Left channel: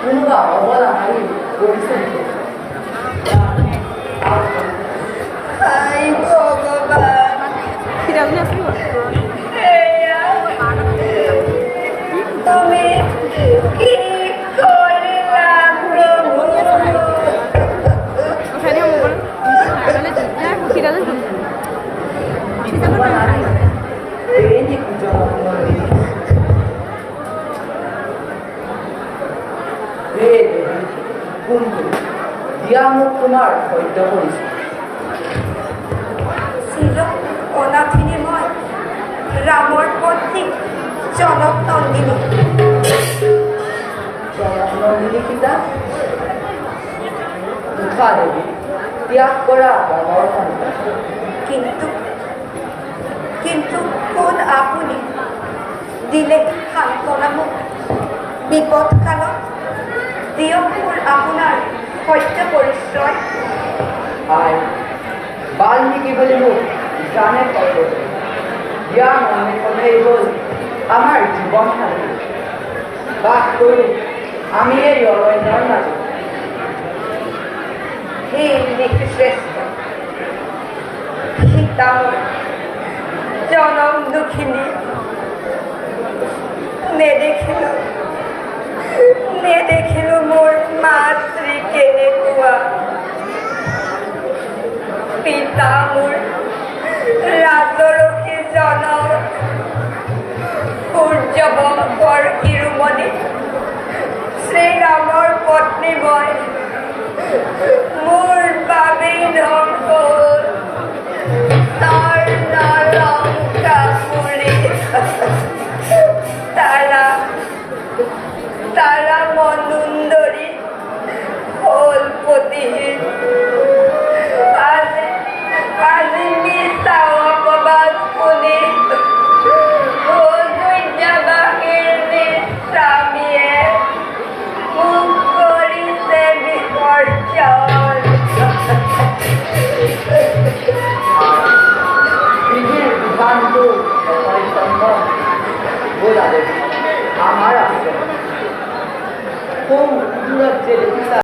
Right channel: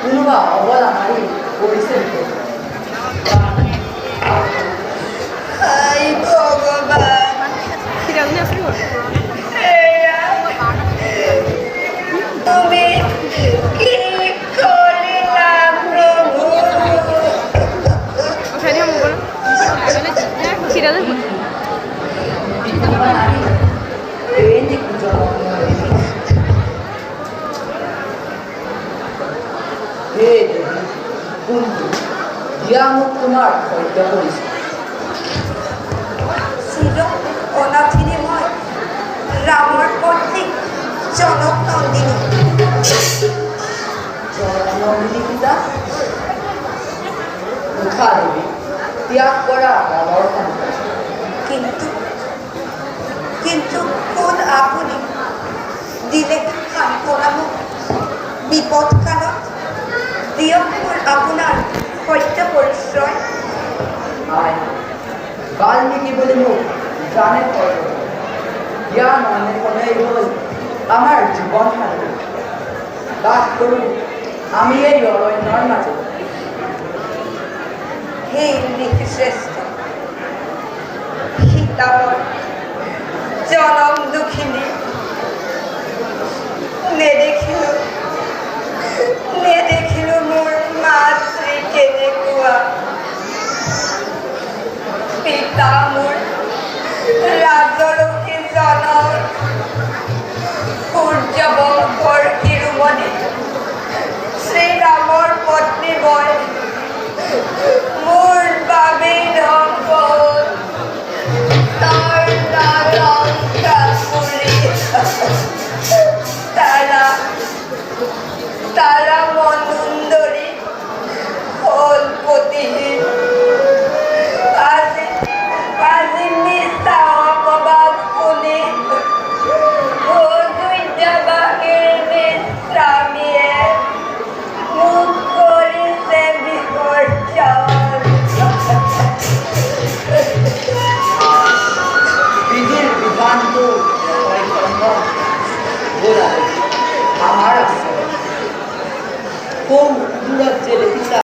কোনোবা অবলা নাৰী অভিষেক দিয়ামুখ তোমাৰ সত্য কৰিছে ছিল অনাথিনী মই ৰামৰ পত্নী জনক নন্দিনী নন্দিনী পিতা মুখা দেৱী ত্যাগ কৰা ৰামৰ সন্তান কিন্তু কিন্তু কোন আপুনি দিলে সান্তনা মোক বিপদ কালত দিয়ক মোৰ আপোনাৰ সত্য পৰিচয় বাল্মীকি বুলি মোক জানে কয় জ্ঞান অন্বেষণেই হ'ল আমাৰ জীৱন সাথী বাস কৰোঁ আমি এই অৰণ্যৰ মাজত হে শ্ৰেষ্ঠ সীতা জনম দুখিনী নেদেখিলো মোৰ মাতৃ কেনেকুৱা পিতা মোৰ